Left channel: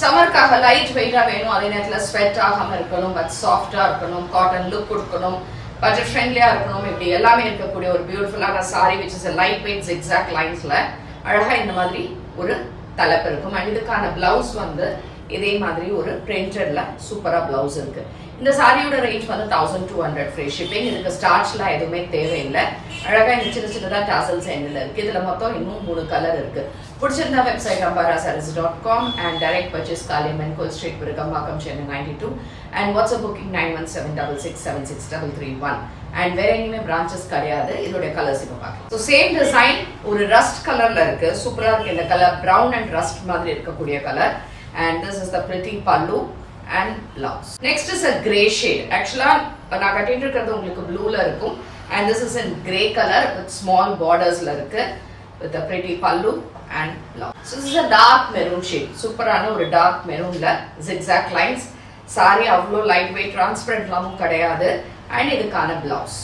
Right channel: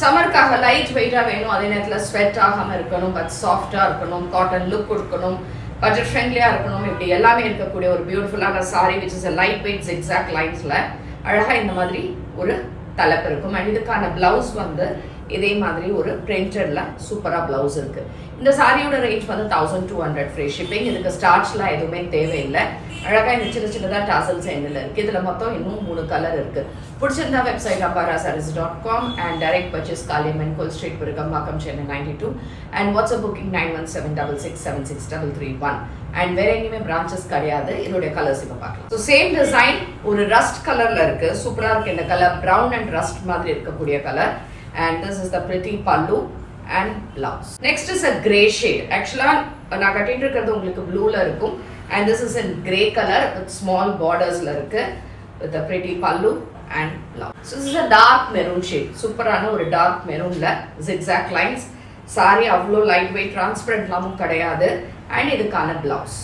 சம்மருக்காக light வெயிட்டா வேணும், அதே நேரத்தில் ஸ்வெட் ஆகாம இருக்கணும், பட் சாஃப்டா இருக்கணும், காட்டன் லுக் கொடுக்கணும், பட்ஜெட் ஃப்ரெண்ட்லியா இருக்கணும், இப்படி எல்லாமே இருக்கக்கூடிய ஒரு பியூட்டிஃபுல்லான sari which is light weight zigzag லைன்ஸ்ல அழகா இந்த மாதிரி ஒரு தலைப்பு இருக்கும். அண்ட் இதுக்கான பிளவுஸ் இதே மாதிரி ஒரு பிரிண்டட்ல சூப்பரா பிளவுஸ் இருக்கு. இந்த சாரியோட ரேஞ்ச் 1200 ஃப்ரீ ஷிப்பிங். இதுக்கு ஸ்டார்ச்லாம் எதுவுமே தேவையில்லை. அழகா இந்த சின்ன சின்னதா டாசல்ஸ் எண்ணில் இருக்கு. இதுல மொத்தம் இன்னும் 3 கலர் இருக்கு. பிடிச்சிருந்தா website ambarasarees.com and direct purchase Kaliamman goal street Virugambakkam Chennai 92 and WhatsApp booking 9176676331 and வேற எங்கேயுமே பிரான்ச்சஸ் கிடையாது. இதோட கலர்ஸ் இப்ப பார்க்கலாம். ஸோ சேம் டிசைன் ஒரு ரஸ்ட் கலர்ல இருக்கு. சூப்பரா இருக்கு இந்த கலர். பிரவுன் அண்ட் ரஸ்ட் மாதிரி இருக்கக்கூடிய colour. And this is the pretty pallu and blouse. Next is a grey shade. Actually நான் கட்டிட்டு இருக்கிறது உங்களுக்கு ப்ளூல இருக்கும். And this is in grey color with small bordersல இருக்கு with a pretty pallu and blouse. So this is a dark maroon shade. சூப்பரான ஒரு dark maroonல zigzag lines. Sorry அவ்வளோ light weight transparent லாமும் கிடையாது. And இதுக்கான blouse.